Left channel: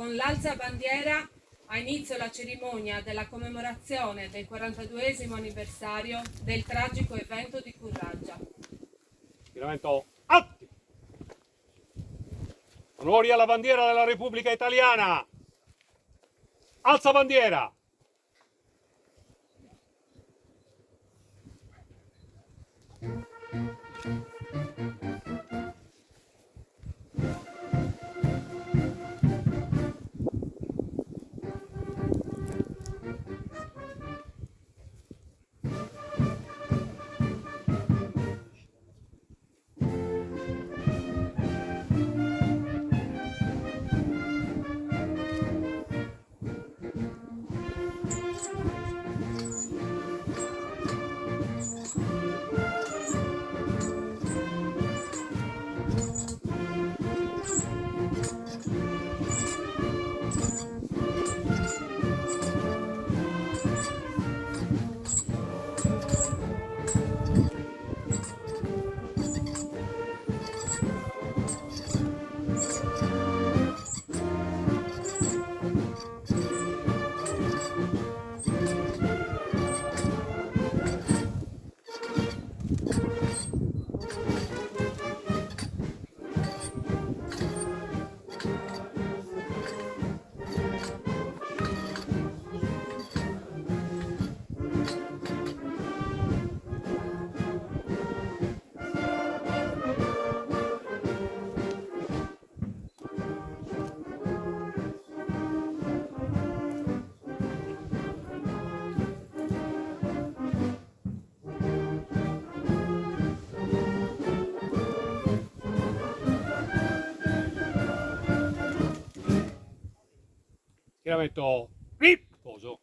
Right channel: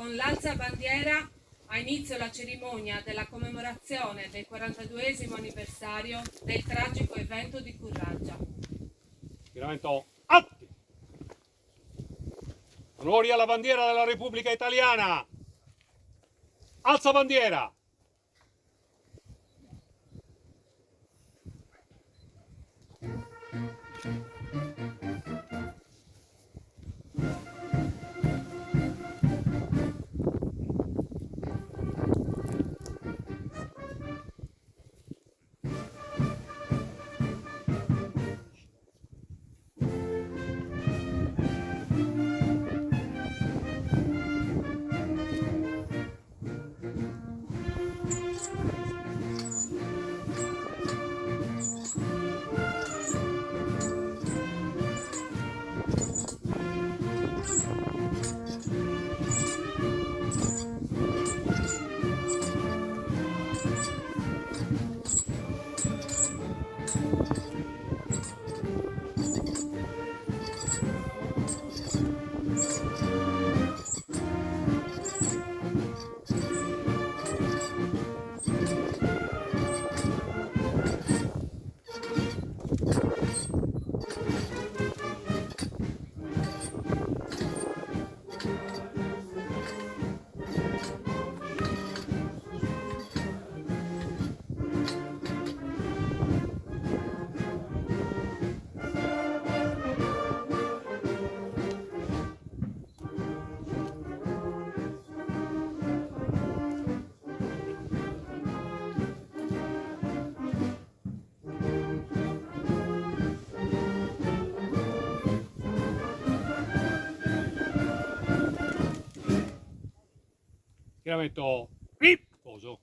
Con l'alza bandiera ha inizio la cerimonia della commemorazione del 42esimo anniversario del tragico evento di Curraggia. Schieramento atti! Onori alla bandiera della Repubblica Italiana! Alza bandiera! Schieramento riposo.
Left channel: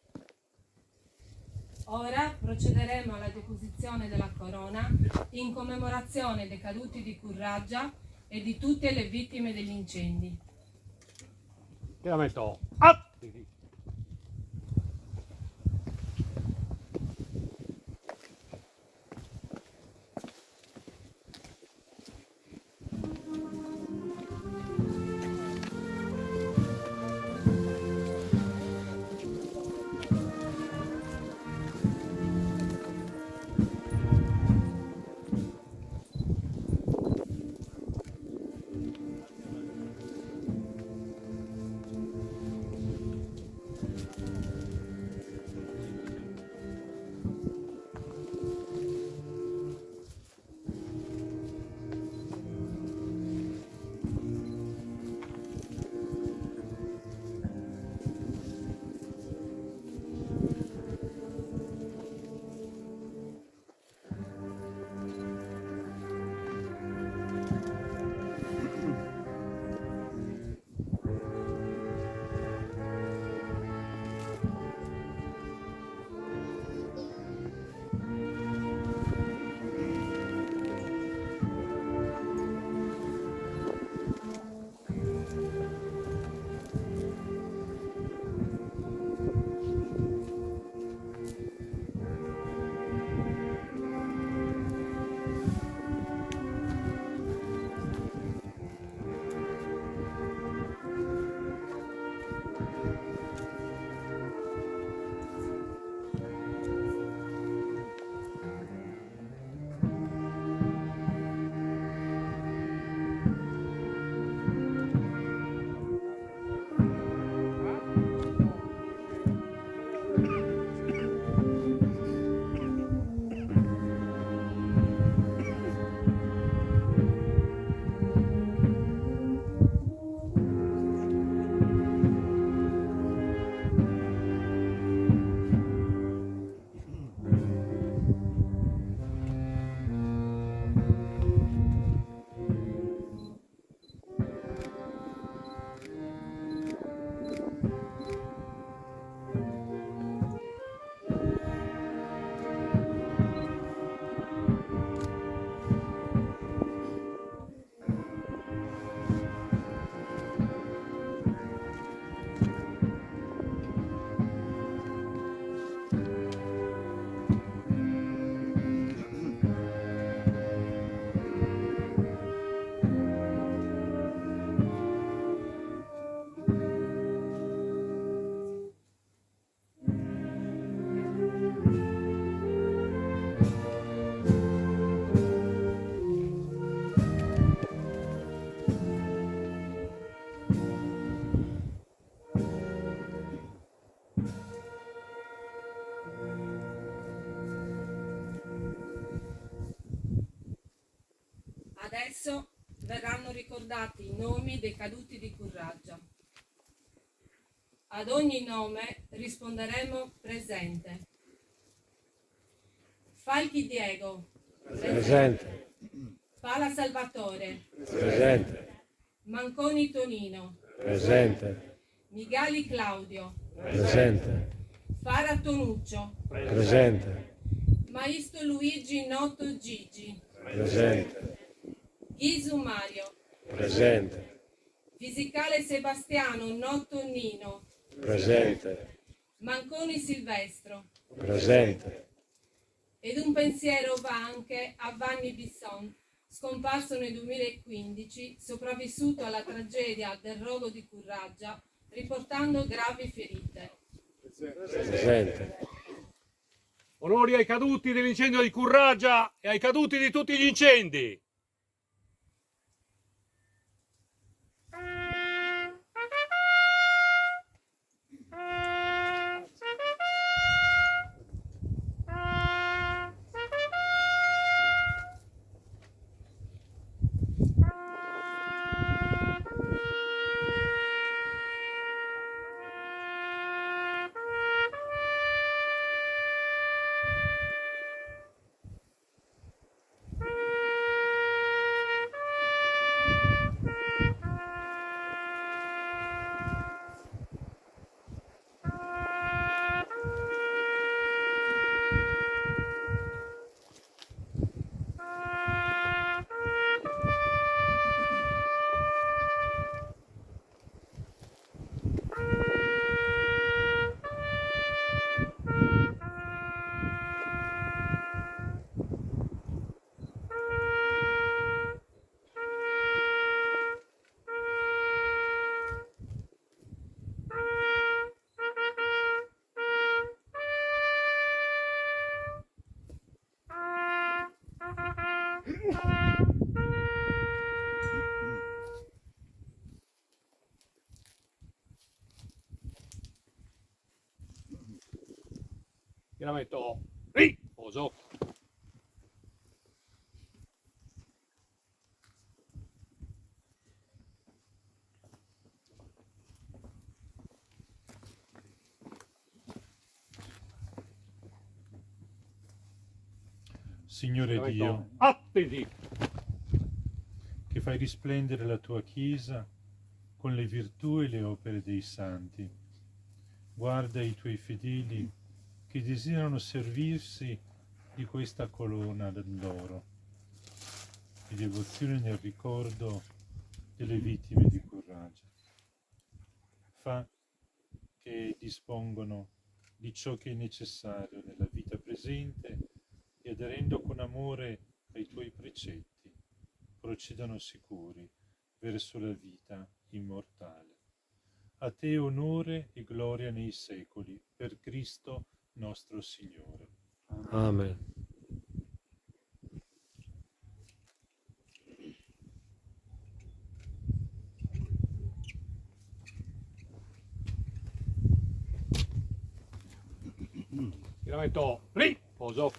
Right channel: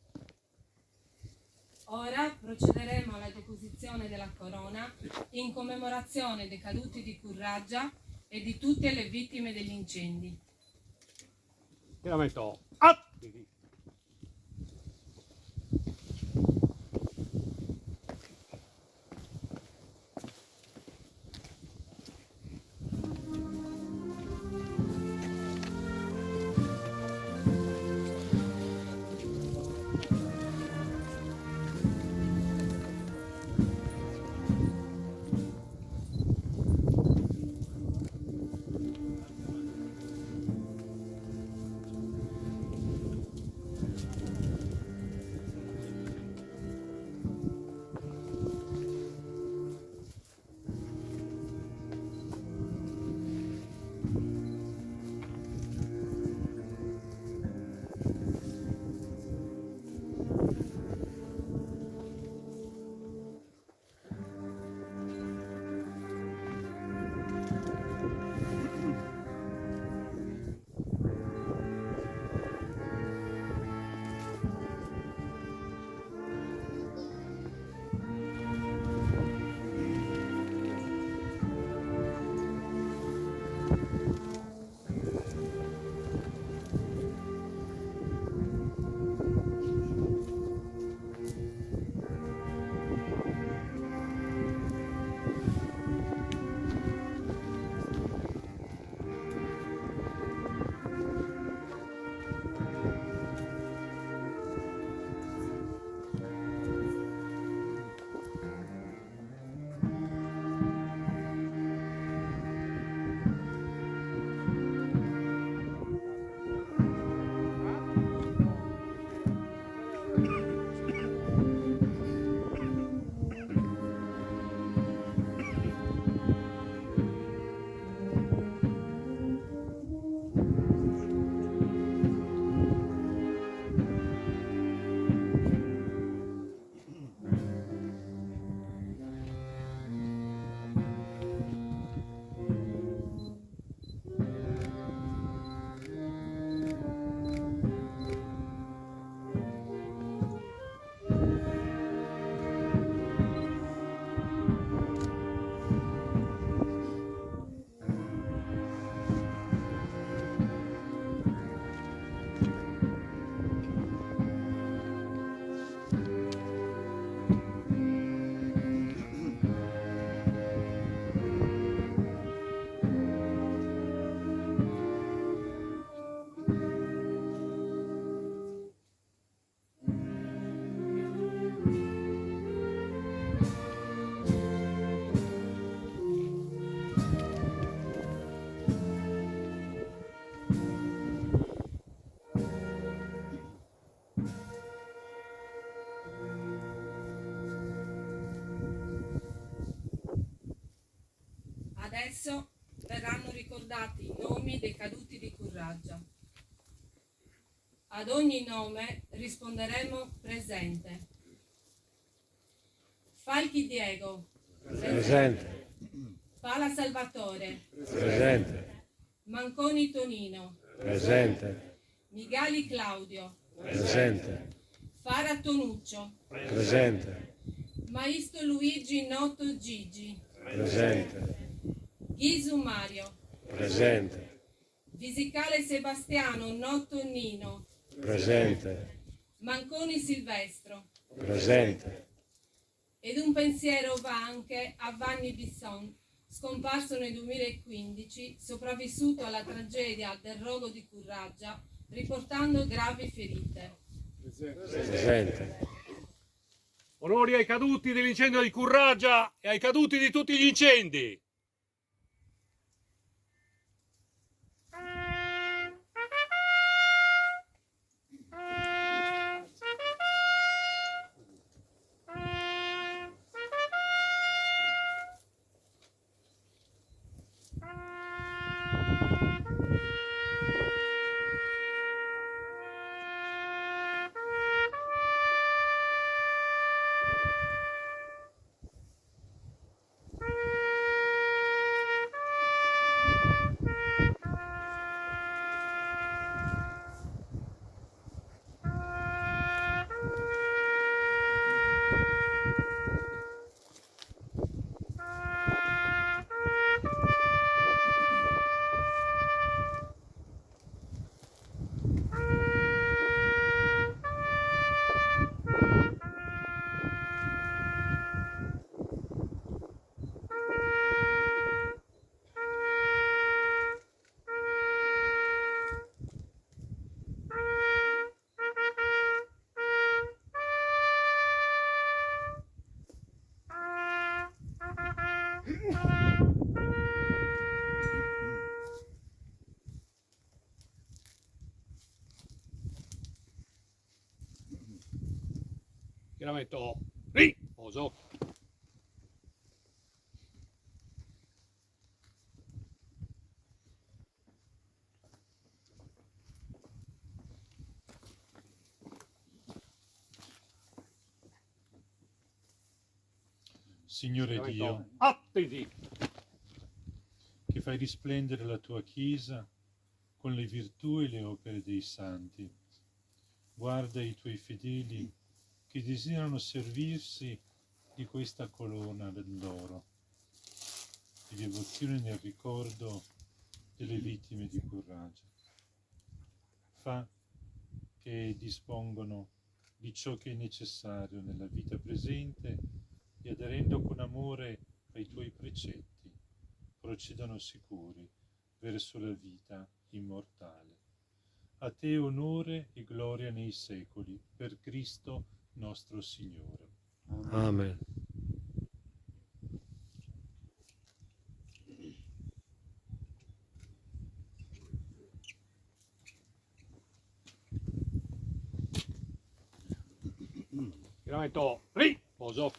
Ora procederemo alla deposizione della corona in commemorazione dei caduti di Curraggia e di tutte le vittime degli incendi. Schieramento atti! Adesso verranno ricordati i nomi dei caduti di Curraggia. Ad ogni nome risponderemo presente. Falchi Diego. Presente. Pala Salvatore. Presente. Manconi Tonino. Presente. Migali Claudio. Presente. Fara Tonuccio. Presente. Maisto Luigi Noto Gigi. Presente. Ghisu Mario. Presente. Visicale Sebastiano Noto Nino. Presente. Manconi Silvestro. Presente. Ed un pensiero va anche a Vanni Bisson, scomparso nel 2015, sopravvissuto alla tragedia del rogo di Curraggia, riportando gravi ferite. Presente. Onori ai caduti dell'incendio di Curraggia e ai caduti di tutti gli incendi. Io la metto lì, poso. Signore Dio, Attenti. che fai risplendere la tua Chiesa con le virtù e le opere dei santi, guarda i tuoi fedeli che desiderano servirsi di questa corona d'oro, di devozione nel ricordo delle vittime di Curraggia. Fa che dispongono di ciò che è necessario nella vita presente e aderendo con amore ai tuoi precetti, procedano sicuri verso la vita immortale. A te onore e gloria nei secoli, per Cristo nostro Signore. Amen. Io la metto lì, poso.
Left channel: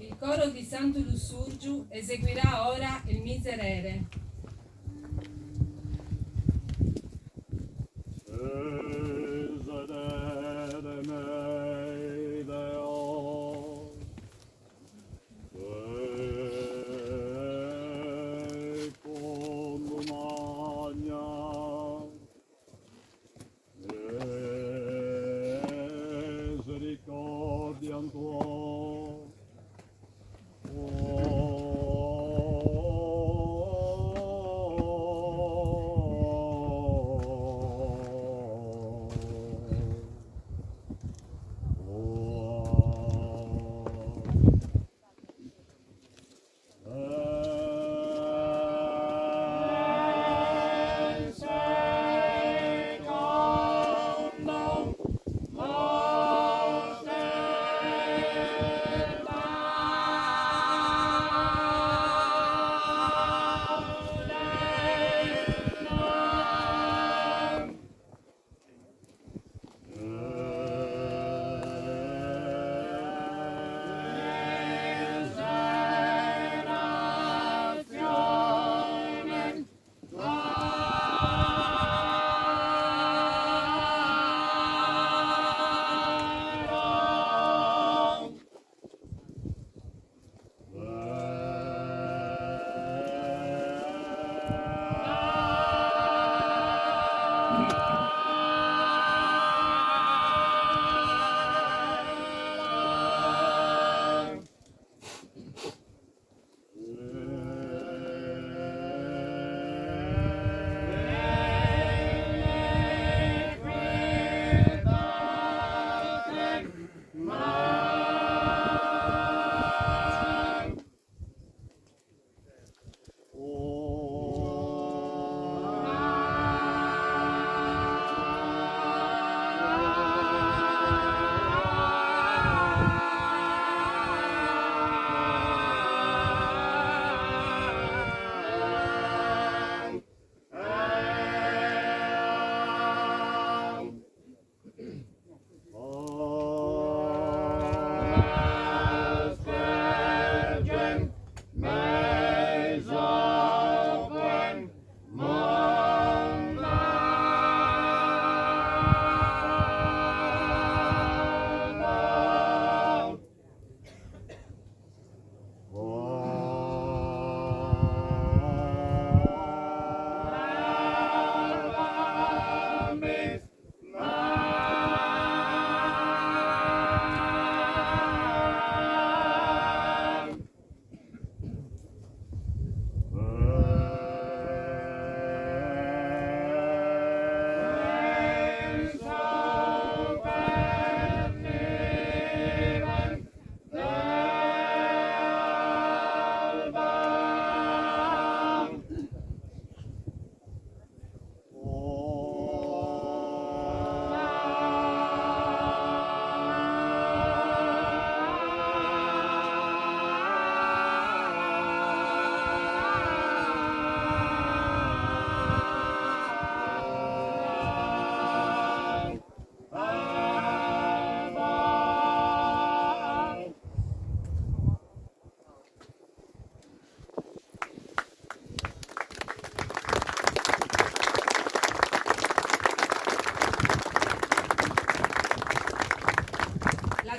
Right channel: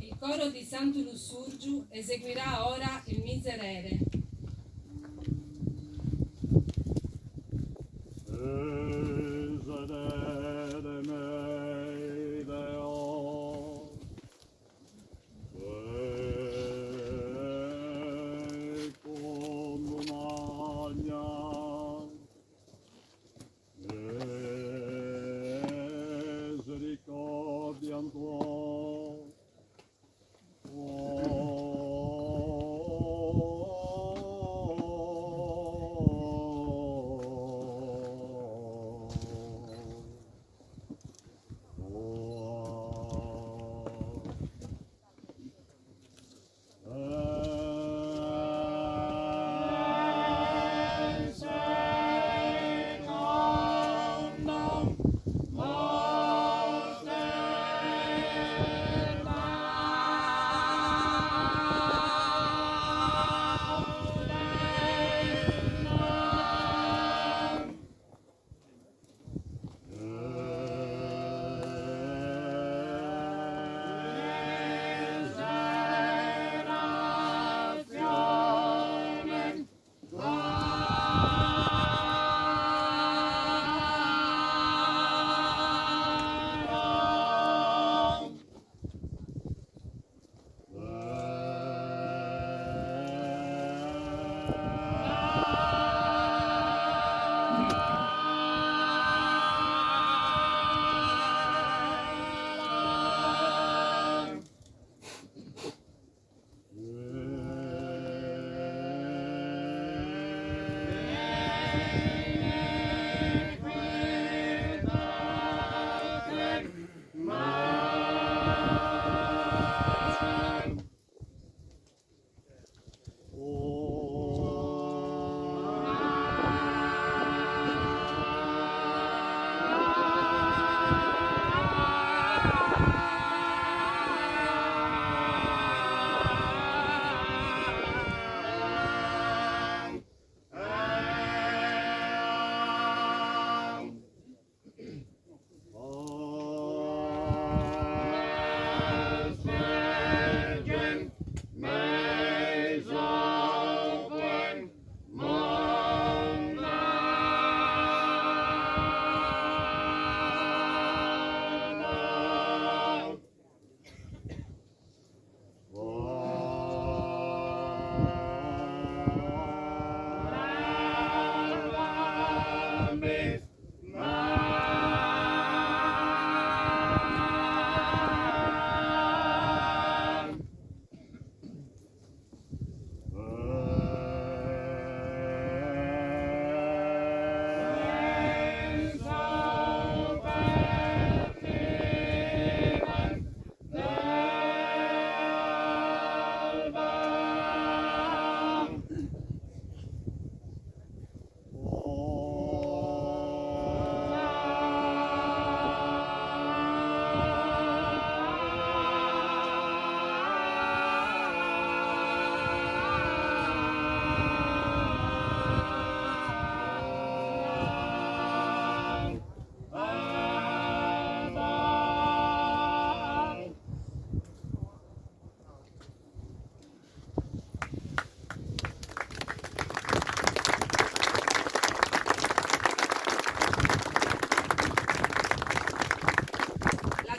Il coro di Santo Lussurgiu eseguirà ora il Miserere.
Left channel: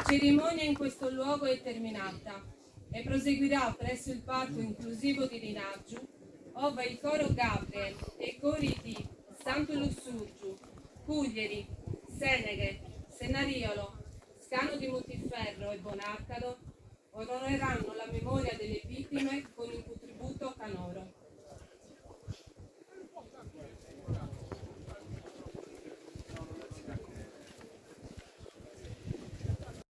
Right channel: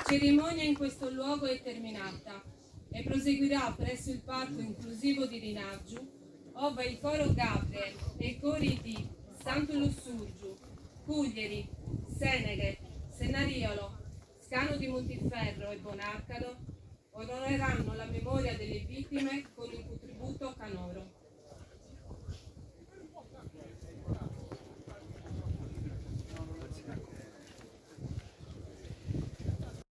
cerimonia in questo luogo è terminata e proseguirà presso il parco inclusivo di Rinaggiu, ove il coro Gabriel e i cori di Santo Lussurgiu, Cuglieri, Seneghe, Senariolo, Scano di Montiferro e Bonarcado onoreranno la memoria delle vittime con il contributo canoro.